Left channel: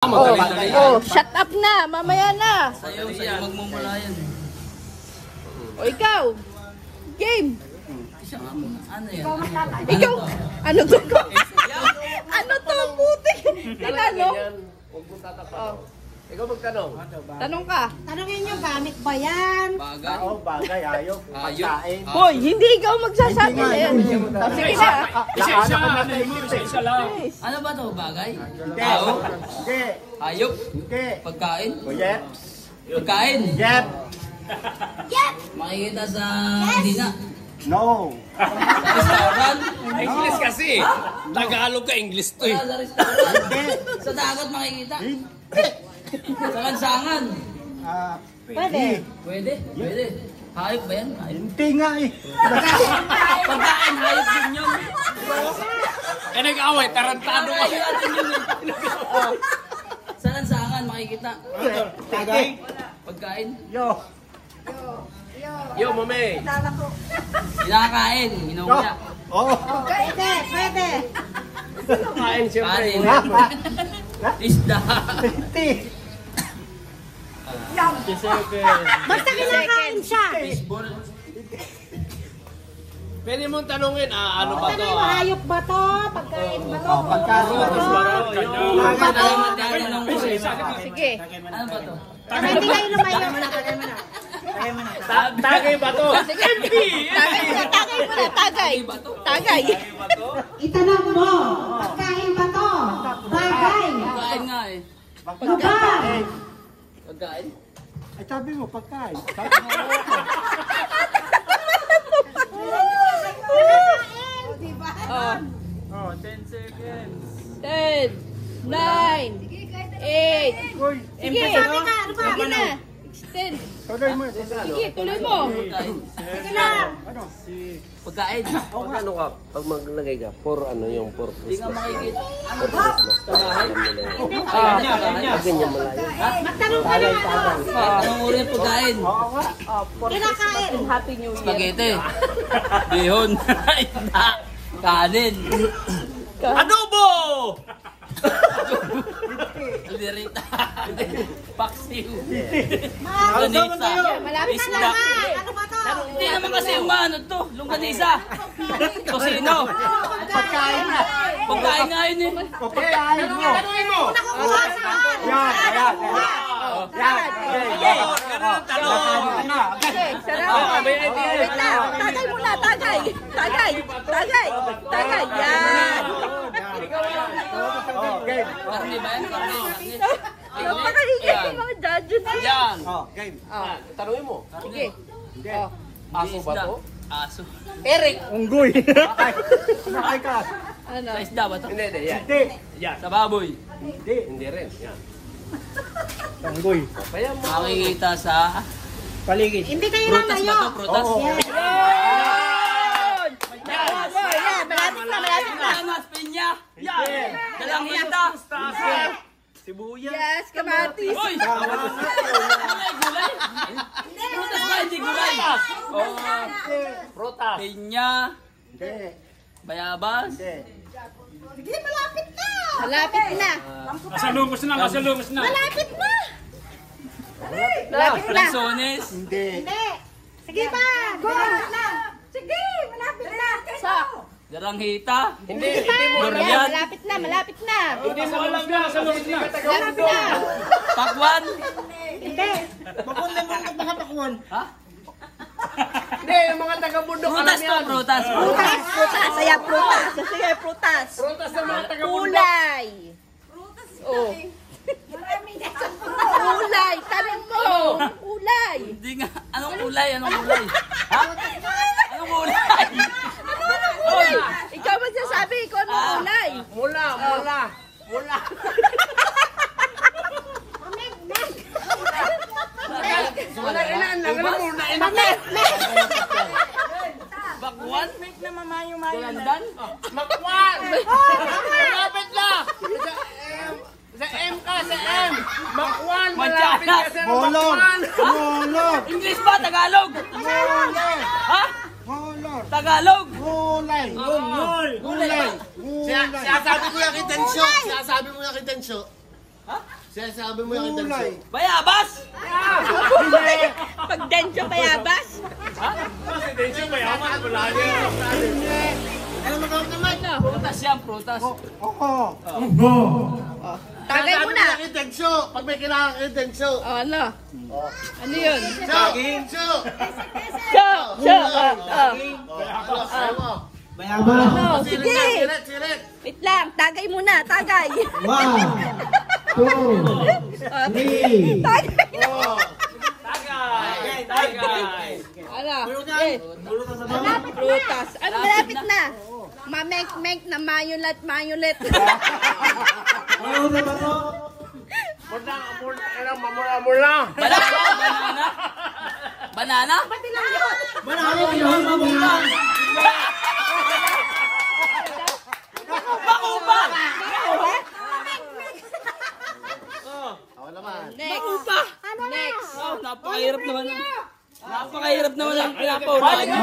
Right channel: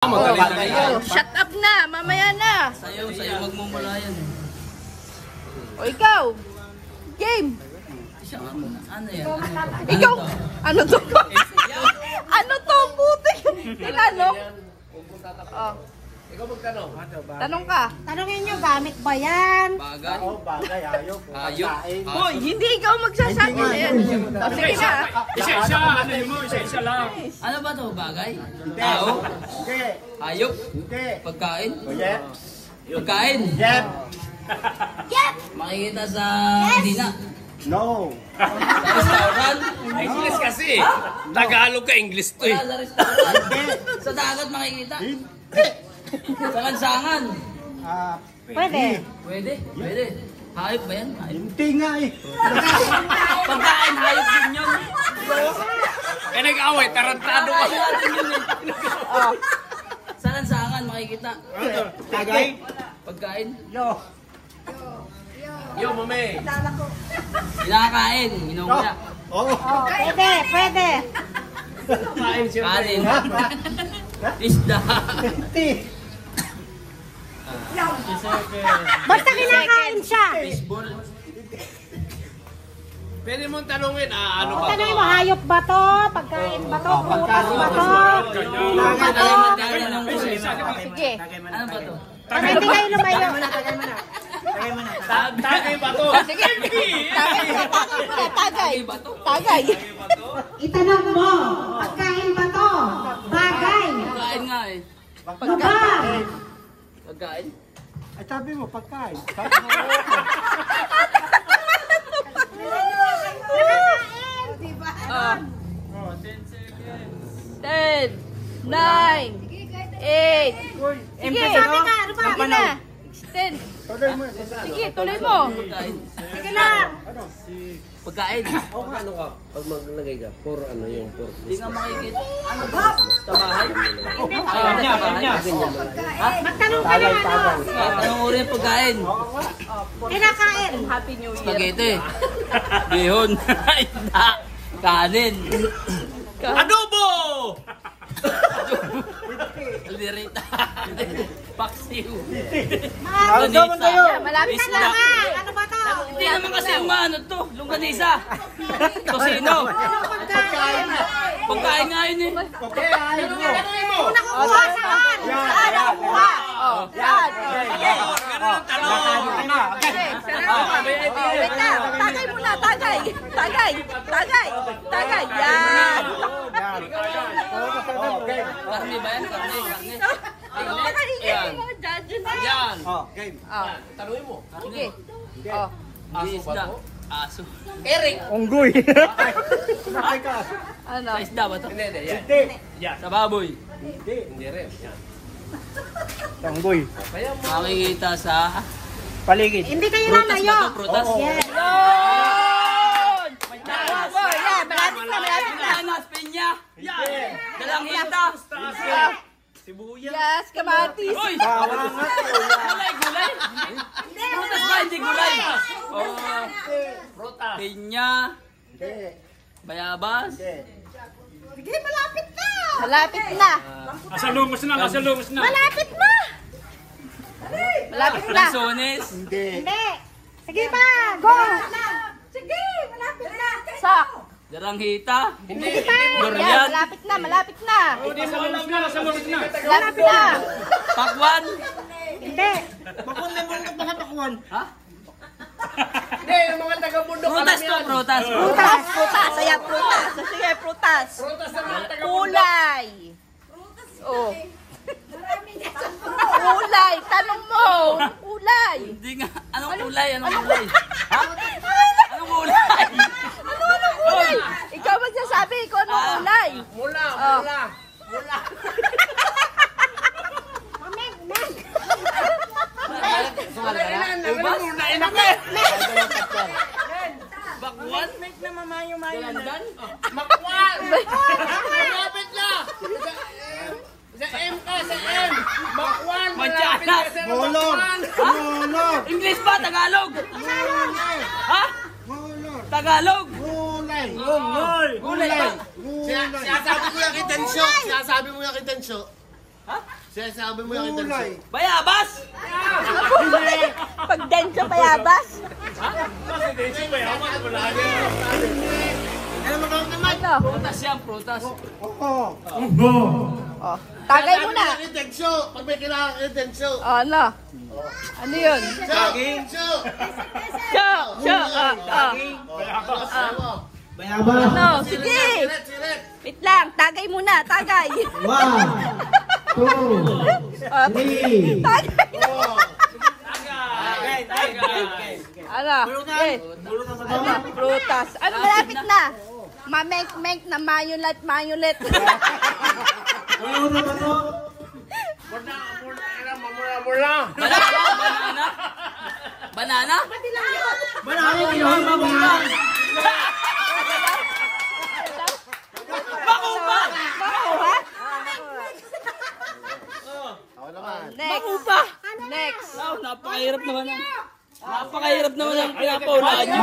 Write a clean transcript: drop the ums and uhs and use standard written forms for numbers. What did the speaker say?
Shut up na, mamaya na. Sa'yo magmumula yan. O ikaw, game. Ano yan? Ikaw, ano to? Ano to, puti? Ano? Oh. Ikaw magtanong. Tanong ka. Tanongin nyo, gamit ba yan? Bagay? Oo, bagay, ayok. Ayok. Boy, hindi ikaw magsasabi na yan. O sige na. Isa-isa, ano mo, isa-isa lang. Ano ba to? Bagay? Tao? Hindi. Hayop? Hindi. Pagkain? Hindi. Pagkain? Yep. Makikita sa Dina? No. Sa restaurant? English kasi. Tagalog ka, English to eh. Sa restaurant? Sa dagat makikita? Sa lansangan? Pwede. Pwede? Pwede. Hayop ba yan? Hayop? Hindi nga eh. Pagkain, hayop din yun. Kaya nag-away, tarantado ka. Sa lansangan makikita? Tagay? Pagkain? Yo. Yo, mame. Kinakain, inuuna. Oo. Pwede, pwede. Kain siya. Kanin. Isda. Hindi. Basta kinakain siya. Baseball. Pwede mong tanungin, ano ba to? Tanongin mo, hayop ba to? Pagkain ba to? Pagkain ba to? Ulo ba to? Sige. Ano ba to? Pwede kayo lumayo. Tagay ba to? Sige. Tagay muna, tagay muna, tagay. Tagay. Itanong mo, pagkain ba to? Bagay. Pagkain nga eh. Lugar. Pagkain? Ay, sabi mo, pagkain. Oh. 10, 9, 8. Sige. Sabi ka, ano ba? Sige na. 10. Tuloy mo. Sige, tuloy mo. Pagkain. Sige lang. Pagkain. O ano ka, pag maglagay ka, for ano yung for Hindi nga makikita. Magtanong ka na ano. Anong uri yung pagkain? Kinakain. Happy New Year. Spaghetti. Bihon. Isda. Kanin. Adobo! Alderita. Paksiw. Mahal. Malapit na Isda. lang. Ano ba to? Hindi naman kasi umano to. Longganisa. Tosino. Pagkain. Pagkain nga yun eh. Una kukuha saan? Saan ang kukuha? Oh, saan? Oh, sige. Sige, sarap. Oh, wait lang. Tagay muna, tagay. Tagay. Tagay. Tagay. Yan. Karne ba yan? Karne. Nakahigit yung mga judges. Yan. Oh, game. Oh, Tanungin mo. sige. Oh. Aso ba to? Aso. Unggoy. Ano? Sa isda ba to? Hindi, yan. Hindi. Sa baboy. Hindi rin. Unggoy. Makikita sa Paligid. Hindi kayo prutas lalayo. ba to? Prutas? Yes. Yun! Bravo! Yan, malapit na, malapit na. Anas, pinya. Dalang hita. Yes, kamatis. Uy! Gulay, gulay. Prutas ba? Hindi gulay. Oh, Prutas. pinya. Bayabas. Sige, malapit na. Malapit na. Nasa lumos na, nasa lumos na. Malapit na. Malapit na. Lansones. Hindi. Hindi. Sige pa. Go. Sige, malapit na. Sak. Dalang hita. Yan, Durian. malapit na, malapit na. Nasa lumos na, nasa lumos na. Malapit na. Pakwan. Hindi. Ha? Hindi, yung mga taga-bundok. Prutas to, prutas. Prutas, prutas. Ayan, prutas. Sige, prutas. Kulay. Oh. Kulay. Tanong mo. Kulay. Hindi nga. Anong kulay? Anong kulay? Ha? Anong kulay? Uy, ikaw magsasabi kung anong kulay. Mula, Oh. mula. Mula. Sumala ka na? Ubas? Bakwan? Landan? Malapit na. Sa M ka, sa M. Makwan. Manchanas? Molor. Molor. English ba? Tagalog? Molor. Ha? Molor. Tagalog? Gulay. Gulay. Gulay. Sinasabi mo yung kitensyo. Sinasabi mo yung kitensyo. Sinasabi mo yung intention. Bayabas! Pag denso bayabas. Ano magawa naman? Ano? Prutas yan, prutas. Oh. Tagay mo na. Intention. Pag may kailangan intention. Oh, ano? Ano yun? Saging. So. Ano? Sige. Sirit. Wait lang. Tagay muna. Tagay. 1, 2, Tagay na. Ano? Eh. Prutas. Ano? Malapit na. Mamek-mek na mayulet. Banana? Banana? Makupa! Makuha? Next. Next. Napakahirap naman ang pinapahulaan nyo.